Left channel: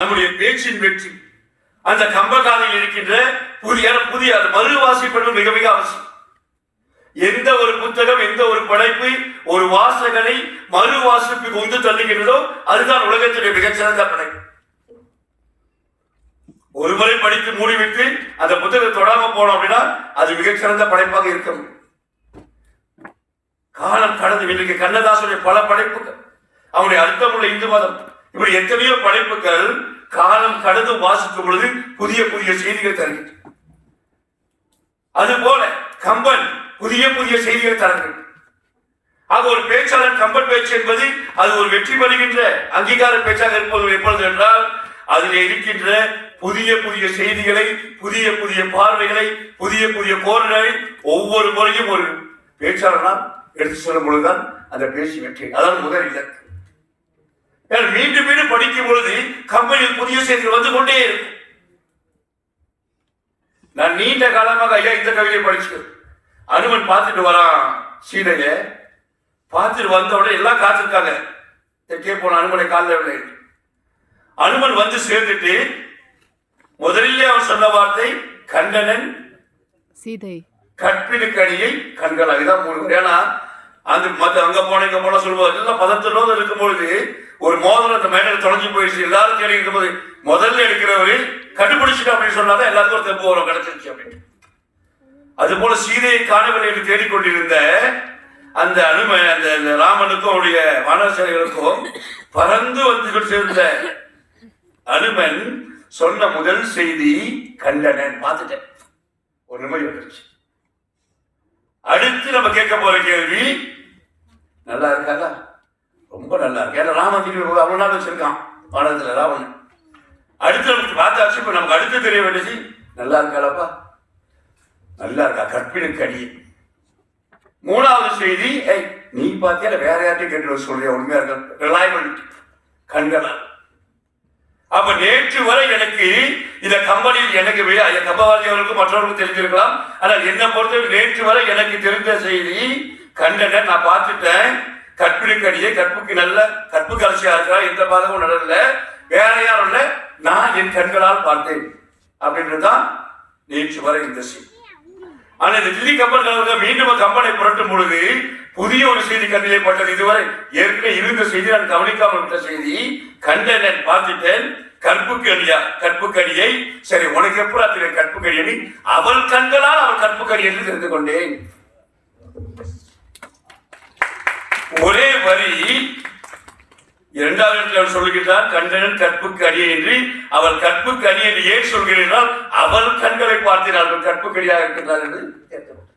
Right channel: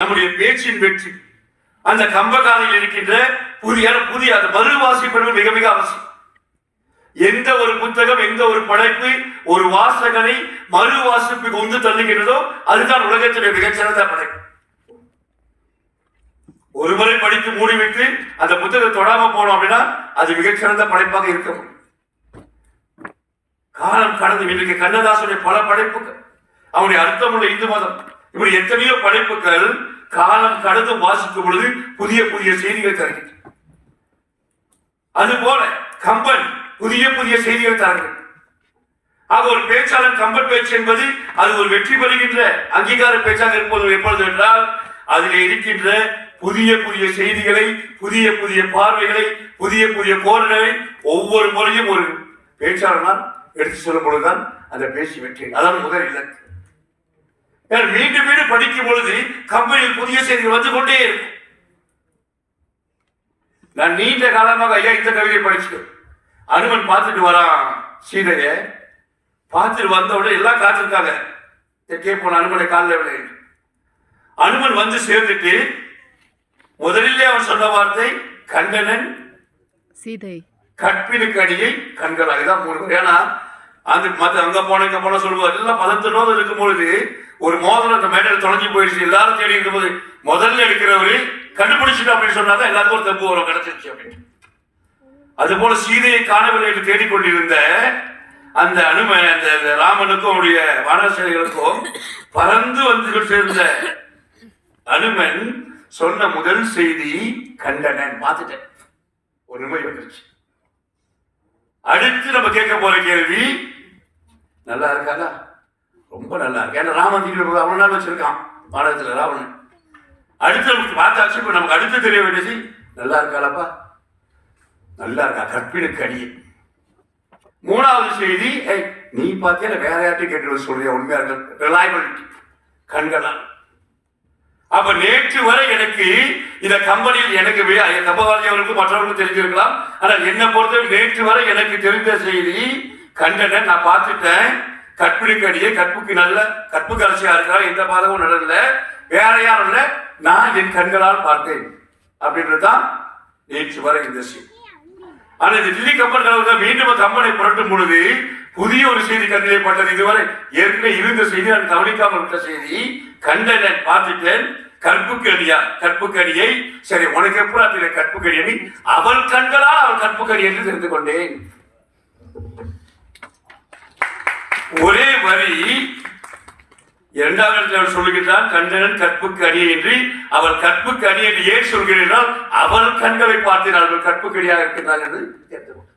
நம்முடைய பேச்சின் வெற்றி. அந்த கம்பகாலில் இருக்கின்ற புதிய புதிய மறு வாசிப்பது மிக மிக அவசியம். எந்த ஒரு புத்தகம் எந்த ஒரு படைப்பு ஒரு வாசகனை மறு வாசிப்புக்கு உந்து தள்ளுகிறதோ அதுதான் உலகத்துடைய மிகச்சிறந்த படைப்பு. ஒரு முறை படித்து மூடிவிட்டு அந்த புத்தகத்தை தொடாம போனோம் அப்படின்னா அது மிகச்சிறந்த படைப்பாக இருக்க முடியும். காலம் கடந்து இன்றைக்கு கண்ணதாசனுடைய பல படைப்புகள் அவனுடைய அர்த்தமுள்ள இந்து மதம் இப்படி எத்தனையோ படைப்புகள் காலம் கடந்து வாசிக்கும் பொழுது புதிய புதிய செய்திகள் தருகின்றன. அதுபோல கம்பன் புதிய புதிய செய்திகள் தருகிறது ஆக ஒரு பேச்சாளர் கம்பன் பேச்சு என்பது அது ஒரு வெற்றி பெறுகின்ற அங்கீகார பேச்சாக இருப்பது எப்பொழுது என்றால் அதில் இருக்கின்ற புதிய புதிய செய்திகளை புதிய புதிய பார்வைகளை புதிய புதிய கோர்களை ஒவ்வொரு முறையும் ஒரு பேச்சாளனால் எடுத்து சொல்லும் பொழுதுதான் அந்த பேச்சு வெற்றி. அதான் முதல் இலக்கு. மீண்டும் மீண்டும் படிக்கும் பொழுது கம்பெனியில் புதிய செய்திகள் வந்து கொண்டே இருக்கும். நான் நீண்ட காலமாக ஐயா இந்த கவிதையை படிச்சு அனுமன் பார்த்துட்டு வரான் சீதைய. பார்த்துட்டு வந்த உடனே எல்லாம் காத்திருக்காங்க. எக்கே போன அனுமனை காலில் விளை அனுமன் வந்து சேர்ந்துட்டு முதலிலே அவன் சொன்ன வார்த்தை கண்டனன் சீதை. கற்பினுக்கு அடியை கண்கள். அதுதான் மூணு. ஏன்னா அந்த மத்த அங்க போன இங்க போன சொல்லும்போது எல்லாம் பதத்தோடு இருக்கும் பொழுது ஒரு மோதல் அந்த மேடையில் தொலைஞ்சு போயிடுச்சு. எல்லாரும் தேடி இருக்கும்போது முதல்ல எடுக்கிறவரு கண்டுபிடிச்சிட்டு அப்படின்னு சொன்னாதான் எல்லாருக்கும் தப்பு வரும் கிடைச்சிருச்சு அப்படின்னு. அது போல சீதையை காணவில்லை என்று தேடிக்கொண்டிருந்த அந்த அனும அந்த ராமனுக்கும் அவருடைய வானசேரிகளுக்கும் பறந்து வந்து சேர்ந்த அனுமன் சொன்ன முதல் செய்தி கண்டனன். பார்த்துட்டேன். ஒரு நிம்மதி வந்துருச்சு. அடுத்து நம்ம கேட்க போற கேள்வி நல்லா இருக்காதா ரொம்ப நல்லா இருக்கு? ஏன்னா ராமன் திரும்பி அவ்வளோ நாள் வச்சிருக்கான். பாடத்தில் ராவன் அடுத்து நமக்கு பார்த்தாச்சு இப்போ நமக்கு அடுத்து தெரிய வேண்டியது நல்லா இருக்காளப்பா? நல்லா இருக்கா? கற்பினுக்கு அடி மூணாவது செய்தி ஏய் நீ பார்த்தியா வேற யார்ட்டையும் கேட்டு சொல்றியா? உண்மையா இருக்க ரிலாயபிலிட்டி கண்களா அப்ப நேற்று வரை எனக்கு இந்த கம்பெனியில் எனக்கு கம்பவாதியவர்களுக்கும் என் மற்றவர்களுக்கும் தெரிஞ்சிருக்கலாம். ஆனால் என்னை பொறுத்தவரை நேற்று வரை எனக்கு தெரிந்த செய்தி கண்டன நான் பார்த்துட்டேன். கற்பிணிக்கடியே கற்புக்கு நல்ல கற்பு அரசியா இருக்கா எந்த பாதமும் நடல வேற யாரும் இல்லை நான் என் கண்களால் பார்த்தேன். அப்படின்றதுதான் நேற்று வரை இந்த செய்தி. ஆனா இந்த தில்லி கப்பல் கலவரத்தில் மீண்டும் கம்பனை புரட்டும் பொழுது புதிய ஒரு செய்தி கண்ணிலே பட்டது இதுவரை. ஏற்கனவே இருந்த செய்தி நான் கவனிக்காமல் விட்ட செய்தி கண்டனன் பார்த்துட்டேன். கற்புக்கு அடியா கற்புக்கு சரி உனக்கு எப்படி தெரியும் கற்புக்கு அடி அவள் கண்களால் அவள் கற்புக்கடி என்று தெரிந்து கொண்டேன். ஒரே வரி இரண்டாவது இடத்தில் அவர் சொல்லுகிறார் கண்டனன் கற்புக்கு அடியை அவள் கற்புக்கு அடி ஏன் சொல்கிறீர்கள் அவள் கண்களை பார்த்தினாள் அவள் கற்புக்கு என்று கேட்டுக்கொண்டார்